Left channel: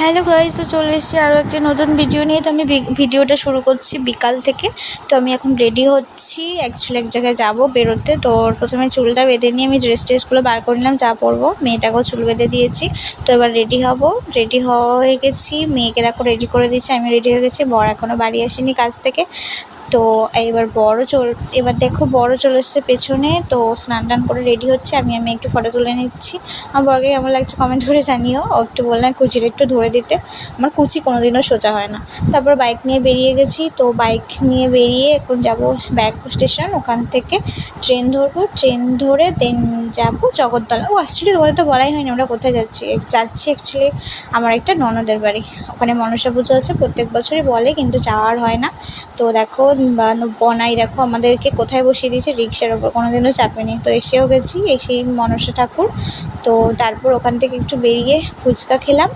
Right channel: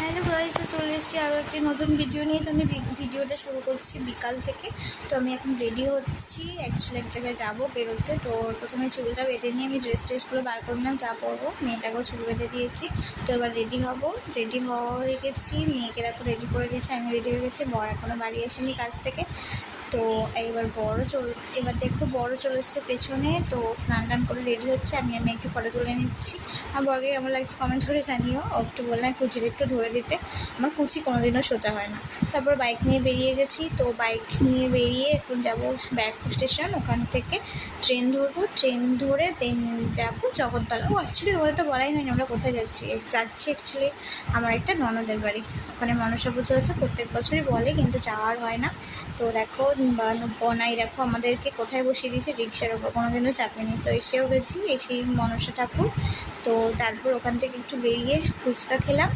Hello guys, তো চলে এসেছি আরও একটি নতুন ভিডিও নিয়ে। তো আমি ভিডিওটা শুরু করছি বিকাল থেকে। তো আমি এখন রেডি হচ্ছি, অ্যাকচুয়ালি এক জায়গায় যাবো বেরোতে। তো প্রথমে চুলটা বেঁধে নিয়ে আমি ড্রেস ট্রেসগুলো বার করে নিলাম, যা পরবো। মেয়েটাকেও চুল বেঁধে দিয়েছি। তো এবার রেডি হব, রেডি হয়ে গেছি। মেয়েকে দেখো রেডি করে দিচ্ছি, আমি রেডি হয়ে গেছি। বর এখনও বাড়ি আসেনি কাজ থেকে। তো এবার দেখো বড় চলে এসছে পেছনে। তো স্নান টান করে রেডি হচ্ছে, আমি একটু ফটো তুলে নিচ্ছি। আমার বরকে কেমন লাগছে কমেন্ট করে জানিও। ও একটু বললাম কুচিটা একটু ধরে দিতে, আমার কুচি কোনোদিনও সোজা হয় না। তারপর বাইক নিয়ে বেরিয়ে গেছি। তো বাইক নিয়ে বেরিয়ে এখন যাবো ব্যারাকপুর স্টেশন। ওখান থেকে ট্রেন ধরবো, ট্রেন ধরে দেন যাবো জগদ্দল। অ্যাকচুয়ালি তোমাদের তো বলাই হয়নি আমরা কোথায় যাচ্ছি। অ্যাকচুয়ালি আমার একটা ননদের বাড়ি, ওখানে মনসা পুজো আছে, প্রত্যেক বছরই বলে, কিন্তু যাওয়ার হয় না। তো দেখো বনাই দেখো আমাদেরকে কোথায় বসিয়ে দিয়েছে, রিক্সার ওপর, কোনোদিনও চাপেনি। তো এসেও গেছি, এসেই মনসা ঠাকুর। তো তারপর ওখান থেকে একটু বেরিয়ে ফুচকা খেলাম।